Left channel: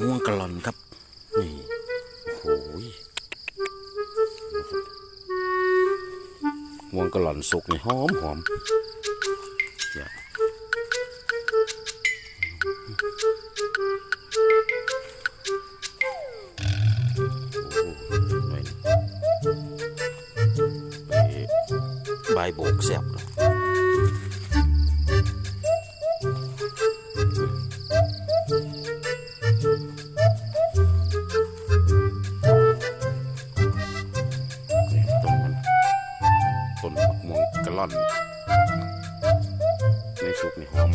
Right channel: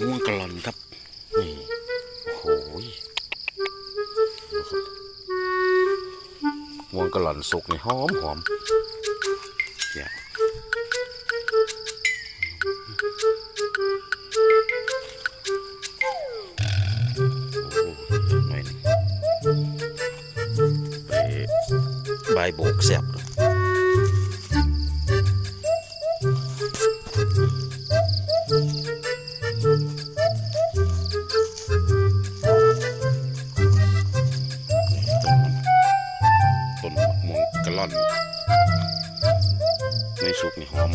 ม่วงกะลอนครับนี่โอ้โหม่วงกะลอนสุกนี่หอมหอมเนี่ยใบโบกแซ่บ นมะม่วงกะล่อน ในสุกในหอม